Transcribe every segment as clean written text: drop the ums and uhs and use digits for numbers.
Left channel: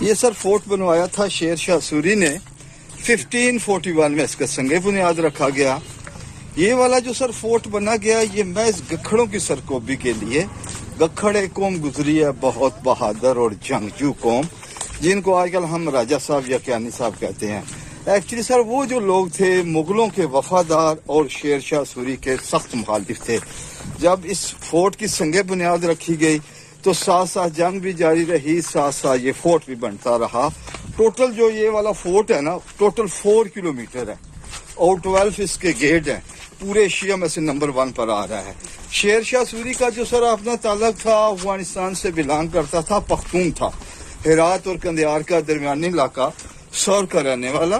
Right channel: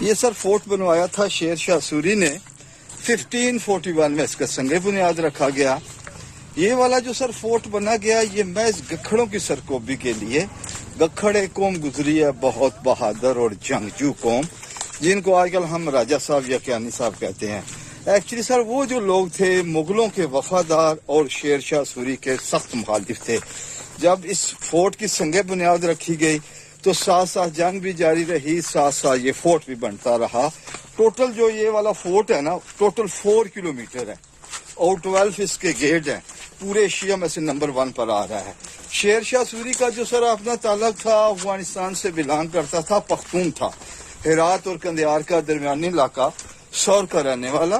یہ سر فورٹ بنوایا تھا شیر شاہ سوری نے 1541 میں، اس کا سنگ بنیاد رکھا گیا۔ یہ والا جو سر فورٹ بنا گیا یہ محض گکھڑوں کی سرکوبی کے لیے۔ گکھڑ ایک قوم گزری ہے بہت بہادر اور جنگجو قوم، جن کو آج کل ہم راجہ صاحب یا کیانی صاحب کہتے ہیں۔ ایکچولی سر وہ جو لوگ تھے مغلوں کے وفادار اور شیر شاہ سوری کے سخت مخالف تھے۔ جب اس فورٹ کی سنگ بنیاد رکھی گئی تو ساتھ ساتھ جنگ بھی جاری رہی، ساتھ ساتھ یہ فورٹ بھی بنتا رہا۔ ٹوٹل جو یہ والا فورٹ ہے نا، ٹوٹل 4 کلومیٹر ہے اور 12 اس کے گیٹ ہیں۔ پورے ایشیا میں سے نمبر 1 پر آ رہا ہے۔ شیر شاہ سوری کا جو سر اپنا تعلق تھا افغانستان سے بلانگ کرتا تھا، پختون تھا، ہرات اور قندھار کا درمیانی علاقہ سور کا رہنے والا۔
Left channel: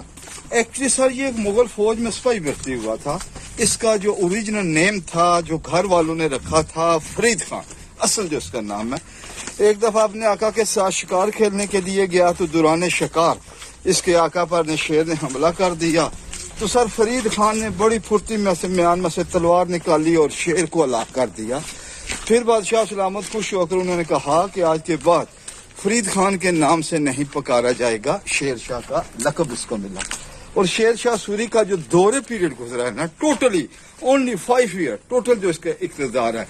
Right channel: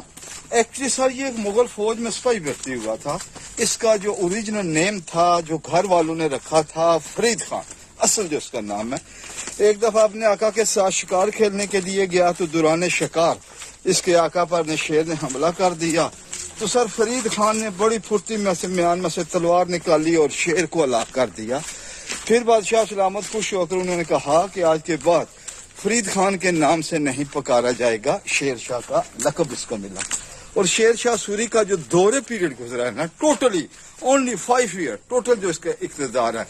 ایکچولی سر یہ مغل فوج میں سپاہی بھرتی ہوا تھا۔ اس کا جو اوریجنل نیم تھا جو گھر والوں نے رکھا تھا فرید خان، اصل جو اس کا نام ہے۔ ایک دفعہ اپنے آقا کے ساتھ شکار کھیلنے کے لیے گیا تو دوران شکار اس کے آقا پر شیر نے حملہ کر دیا تو سر فرید خان نے بڑی پھرتی میں سے میان میں سے تلوار نکالی اور شیر کو ہلاک کر دیا۔ پھر بادشاہ سلامت خوش ہو کر انہوں نے کہا کہ آج کے بعد فرید خان کے نام سے نہیں پکارا جائے گا، شیر شاہ کا لقب اس کو ملا۔ اور شیر شاہ سوری کا جو دور پیریڈ گزرا ہے نا، ٹوٹلی اونلی 5 ایئر ٹوٹل جو اس کا اقتدار ہے۔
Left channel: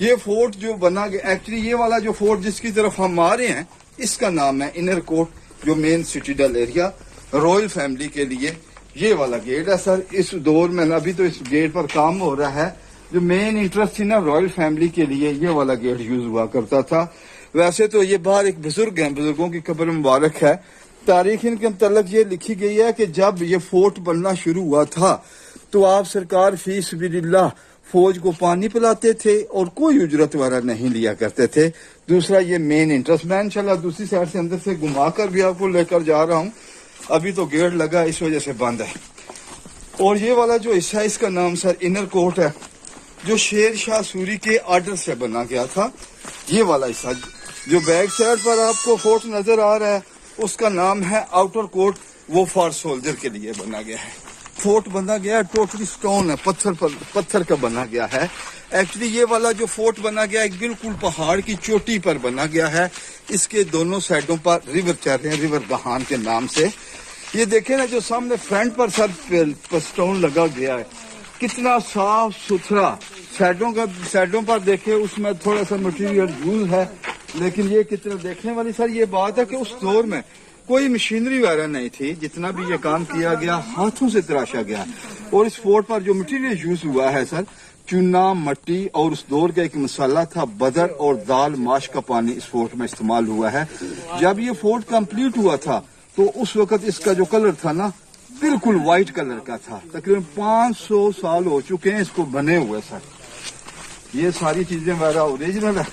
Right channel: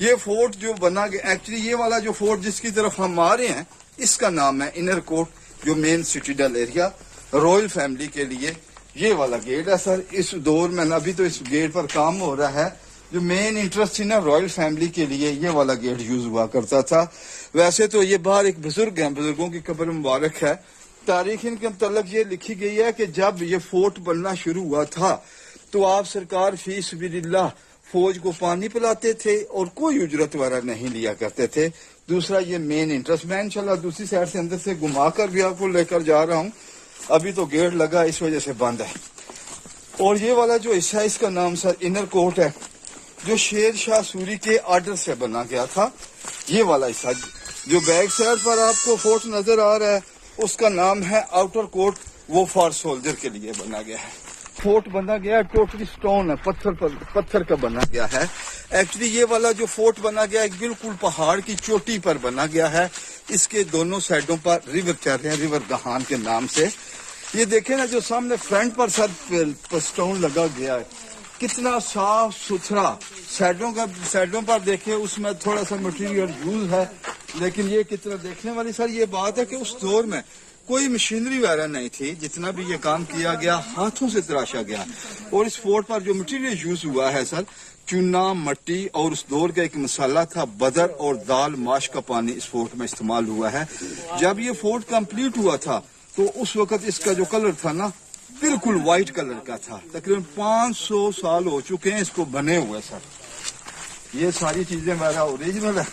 یہ فورٹ جو بنا گیا، ایکچولی یہ والا جو فورٹ جس کی طرف ہم آ رہے ہیں اس کا نام ہے انر کوٹ، جو مین سٹیڈل ایریا رائل فیملی کے لیے یہ والا گیٹ ہے سر۔ اس دور میں نا ابھی تو اس گیٹ پر کام ہو رہا ہے۔ جو مین انٹرسٹ تھی نا رائل فیملی کے لیے یہ والا گیٹ یوز ہوا کرتا تھا۔ ویسے تو یہ باہر ایک بزرگ ہیں، بزرگوں کی قبر مبارک ہے۔ تاریخ ان کے متعلق یہ لکھی گئی ہے کہ جب یہ فورٹ بننا شروع ہوا تھا تو آپ سرکار فی سبیل اللہ فوج کو پانی پلاتے تھے اور کوئی اجرت وغیرہ نہیں لیا کرتے تھے۔ دوسرا یہ مین انٹرسٹ، میں انشاءاللہ دوسری سائڈ سے اندر سے گھما کر بھی آپ کو لے کر جا رہا ہوں۔ ابھی تو گیٹ لگا اس وجہ سے بند ہے۔ اور یہ والا جو حصہ اس کا نام سر انر کوٹ ہے، جو شیر شاہ سوری کے آرڈر سے بنا گیا تھا۔ یہ والا حصہ جو بیک سائڈ پر آپ کو فورٹ نظر آ رہا ہے اس کا نام ہے آؤٹر کوٹ، وہ فار سولجر کے لیے بنا گیا ہے۔ فورٹ بنا گیا ہے ٹوٹلی سٹون ہے، پتھر کا بنا گیا ہے۔ ایکچولی یہ والا جو فورٹ بنا گیا ہے بالکل پہاڑ کی چوٹی پر بنا گیا ہے۔ اس کے دونوں سائڈوں پر ریور چل رہے ہیں، ریور دہان کے نام سے۔ یہ دیکھیں نا جو سامنے فرنٹ پر سر سٹون لگا گیا ہے، کتنا صاف ستھرا۔ سائڈوں پر دیکھیں اس میں تھوڑا سا مٹیریل یوز ہے، لیکن یہ کتنا دیکھنے والی سر یہ بات ہے کہ اس دور میں کوئی مشینری وغیرہ نہیں تھی، جتنا بھی یہ کام کیا گیا ہاتھوں سے تراشا گیا۔ اور اس فورٹ پر جو مٹیریل یوز ہوا ہے سر، چونا، مٹی اور اس دور کا ایک مسالہ تھا بدر اور دال ماش کا پانی اس فورٹ میں استعمال ہوا ہے۔ جب یہ فورٹ کمپلیٹ ہوا تھا تو اس وقت اس کا جو کلر تھا نا بالکل وائٹ کلر کا تھا۔ تقریباً 500 سال ہو چکے ہیں اس کو بنے ہوئے سر۔ یہ ساری چیزیں میرا اوریجنل ہے۔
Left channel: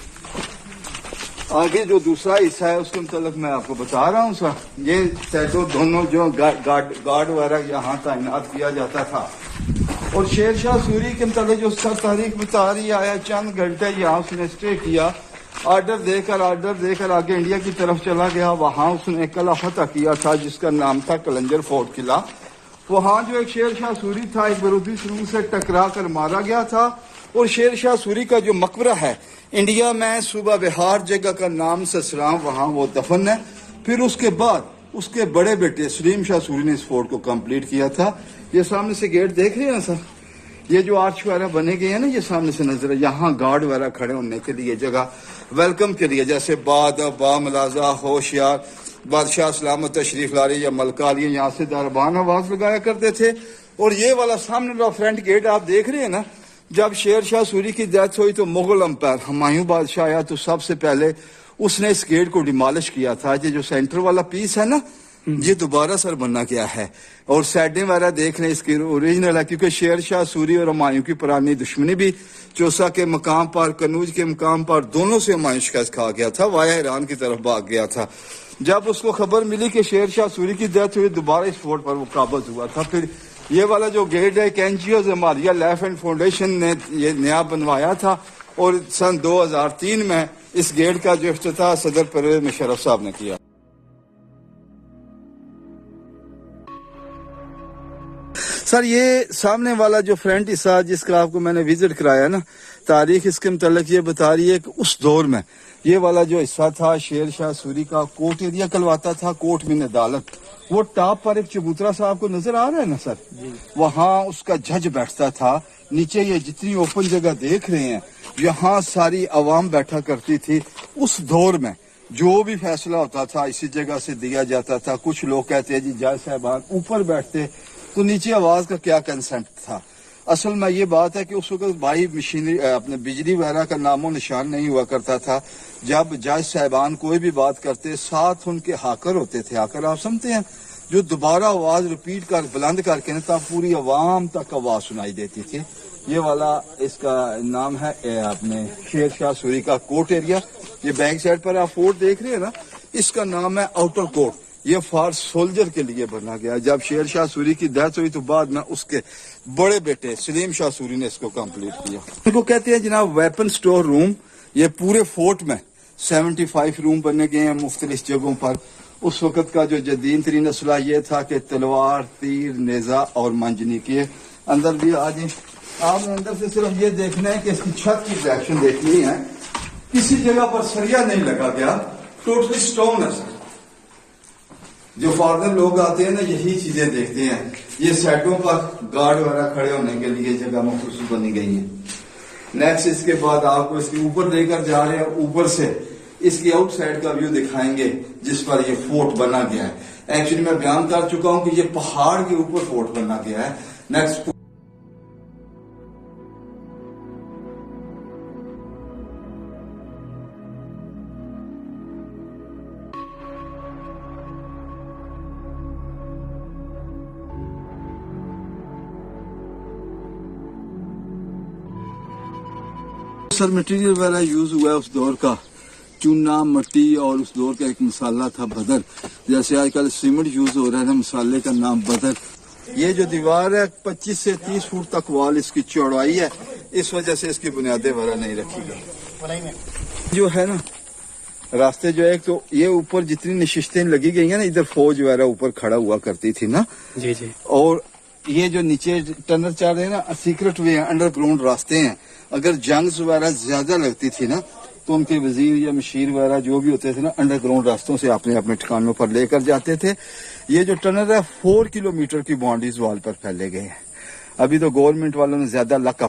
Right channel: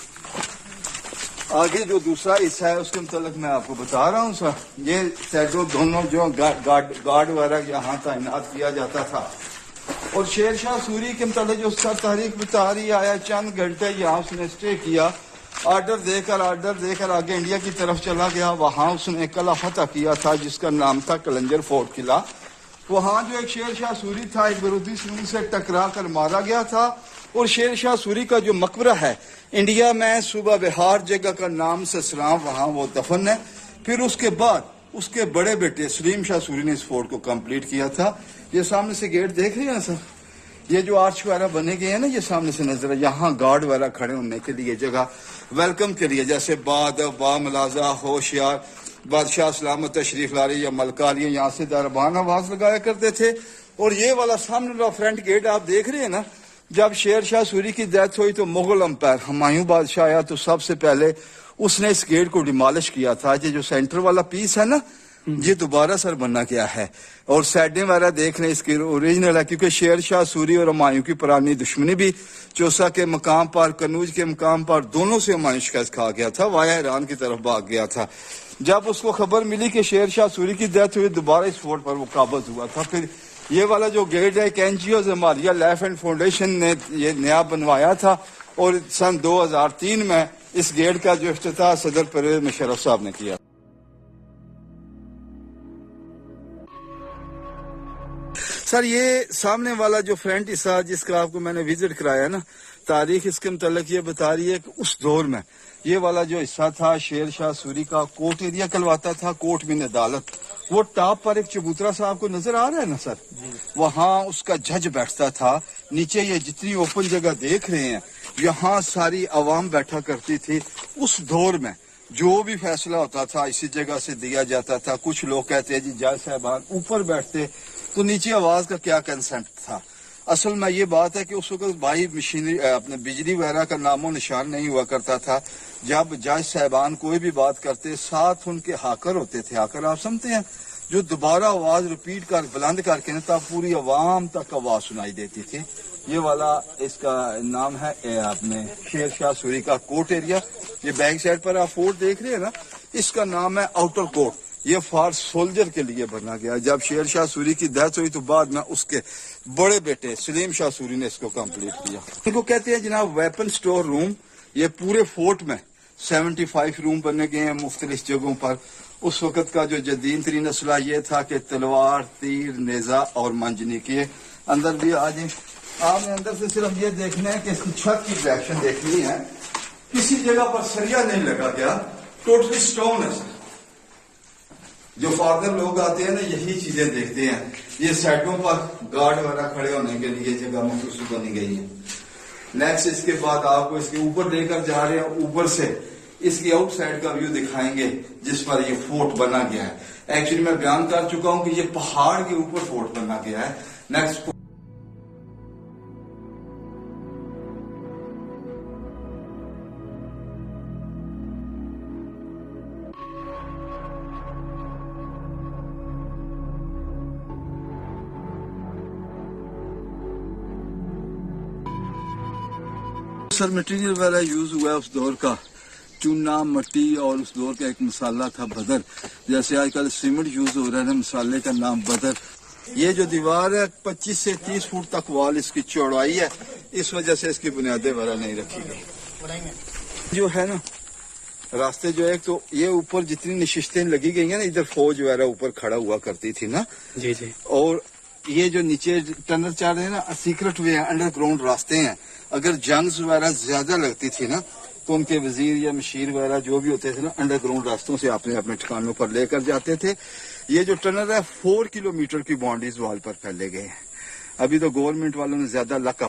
آگے جو دوسرا حصہ ہے اس کے متعلق میں آپ کو بتا رہا ہوں سر۔ یہ سیٹوں دونوں جو گارڈ وغیرہ یہاں تعینات کیا جاتا تھا۔ اور شیر شاہ سوری کے متعلق جو سر تاریخ بتا رہی آیا چند گھنٹے یہاں اس نے اسٹے کیا، آرڈر دے کر آگے انڈیا کی طرف چلا گیا۔ وہاں اس نے قلعہ فتح کیا تھا جس کا نام تھا کلنجر فورٹ قلعہ۔ وہاں جو ایک شیر شاہ سوری تھا ایک برودی سنگھ سے ٹکرا کر مارا گیا تھا۔ اور شیر شاہ سوری کا جو مقبرہ ہے انڈیا میں صوبہ بہار جگہ کا نام سے سلام، وہاں وہ دفن ہے۔ پھر اس کے بعد اس کے بڑے بیٹے سلیم شاہ سوری نے اس فورٹ کو کمپلیٹ کیا تھا۔ یہ سامنے سے گیٹ دیکھ رہے ہیں سر، یہ جو آرچ وغیرہ بنے گئے ہیں نا یہ سامنے سے نظر ہے، یہاں گارڈ وغیرہ کھڑے ہونے کے لیے جگہ، ویلکم کے لیے، جیسے با ملازہ ہوشیار بادشاہ سلامت تشریف لاری یا ملکہ علی یہاں سے دربان آواز لگایا کرتے تھے۔ اور یہ والا سامنے والا فرنٹ گیٹ آپ دیکھ رہے ہیں نا، جب شیر شاہ سوری کی ڈیتھ ہوئی تو مغل امپائر ہمایوں بادشاہ آیا تو سب سے پہلے اس نے اس گیٹ کو ڈیمالش کیا تھا۔ یہ جو سینٹر والا پیس ہے نا یہ دوبارہ سر بنا گیا ہے۔ اور سائڈیں وغیرہ دیکھ لیں اس کی اوریجنل ہے، کیونکہ شیر شاہ سوری اور ہمایوں کی پرانی دشمنی بھی چوسا کے مقام پر، کنوج کے مقام پر دونوں سے ہمایوں شکست کھا گیا تھا، وایا ایران کی طرف بھاگ گیا تھا۔ جب اس کو خبر ملی کہ شیر شاہ سوری کی ڈیتھ ہوئی دوبارہ اس فورٹ پر وہ قابض ہوا تھا۔ پھر یہ والا جو گیٹ ہے ایک این جی او زمالیہ لائف اینڈ فاؤنڈیشن نے یہ نیا بنوایا تھا، اور سن 2003 میں اس گیٹ کا جو افتتاح صدر پرویز مشرف صاحب نے کیا۔ سر یہ سامنے والا جو فرنٹ حصہ جس کا آپ کو میں نے وزٹ کرایا نا، تاریخ اس کے متعلق یہ بتا رہی ہے کہ اس دور میں یہ والا جو حصہ تھا شیر شاہ سوری کا کوٹ ایریا کلواتا تھا، کوٹ من عدالت. وہ ٹاپ پر ایک چبوترا صاحب کو نظر آ رہا ہے نا سر، وہاں اس کا جج بیٹھتا تھا. نیچے یہ جتنی اوپن جگہ دیکھ رہے ہیں یہاں ساری عوام بیٹھا کرتی تھی. اس دور میں جو بھی فیصلہ ہوتا تھا اسی جگہ سے دیا جاتا تھا. کچھ لوگ کہتے ہیں جی جج صاحبان اوپر بیٹھتے تو نیچے آواز کا کیا کنسپٹ تھا. اصل میں یہ بات ہے کہ اس وقت بھائی مشینری اپنے بجلی وغیرہ کا نام و نشان نہیں ہوا کرتا تھا. جب جج صاحبان کوئی بھی بات کرتے ساتھ ان کے ہاکر ہوتے تھے. ہاکر آپ سمجھتے ہیں جو دوبارہ آواز ریپیٹ کر بلند کر کے تب پوری عوام تک آواز سنائی دیتی تھی. یہ والا اس کا نام ہے اپنے شیر شاہ سوری کا کوٹ ایریا. یہ بیک سائڈ پر آپ فورٹ دیکھ رہے ہیں نا، اس کا نام ہے آؤٹر کوٹ. یہ فار سولجر کے لیے بنا گیا. جب شیر شاہ سوری کی ڈیتھ ہوئی تو بعد میں اس کے بڑے بیٹے سلیم شاہ سوری نے اس کو کمپلیٹ کیا. ان کو کہتے ہیں جناب ویپن سٹور روم. یہ پورے فورٹ میں 75 روم بنے گئے ہیں مختلف جگہوں پر. اس وقت کا جو جدید ترین اسلحہ یہ تھا کہ تلوار، تیر، نیزہ اور منجنیق. اندر بھی آ جائیں. آپ نے اندر سے صرف یہ دیکھنا ہے کہ اس کی چھت کی ڈائریکشن دیکھنی ہے. کسی جگہ پر سریا نہیں لگا گیا، ٹوٹلی سٹون ہے. جو فارنر لوگ آتے ہیں نا یہی چیزیں دیکھتے ہیں. یہ سائڈوں پر گارڈ وغیرہ کھڑے ہونے کے لیے جگہ مخصوص بنی گئی ہے. نیکسٹ اس کے بعد آپ کو اس کے اوپر لے کر جا رہے ہیں. اوپر سے اس کی آؤٹ سائڈ کا ویو دکھائیں گے جس پر یہ فورٹ بنا گیا ہے. ایکچولی میں بیان کر چکا ہوں کہ یہ پہاڑ کے اوپر فورٹ بنا گیا ہے. نیکسٹ سر مٹیریل وغیرہ یوز ہوا ہے اس دور کا چونا، مٹی، اور اس دور کا ایک مسالہ تھا بدر. جیسے آج کل سیمنٹ یوز ہو رہا ہے، مسالے کا نام بدر. یہ جو دیوار ہے 25 سے 30 فٹ تک وال اس کی چوڑائی ہے. اس وجہ سے اس کی بنیادیں وغیرہ نہیں رکھی گئی. جو ہے نا راستے جو ہے تو یہ اوپر جتنی نشستیں لگی گئی ہیں نا، ادھر فوج وغیرہ اوپر کھڑا ہوا کرتی تھی نا. جی جی. اور یہ جو نیچے ٹنل چل رہے ہیں نا، سیکرٹ وے ہیں، انڈر گراؤنڈ راستے ہیں. اگر جنگز وغیرہ زیادہ لگتی تھی نا تو ان کے وزیر یا مشیر وغیرہ جو بھی ہوتے تھے نا انڈر گراؤنڈ راستوں سے اپنے اپنے ٹھکانوں پر لے کر جاتے تھے. یہ جو ٹنل ہے 4 کلومیٹر کی باؤنڈریز وال پر پھیلے گئے ہیں. ابھی تو گورنمنٹ والوں نے زیادہ لک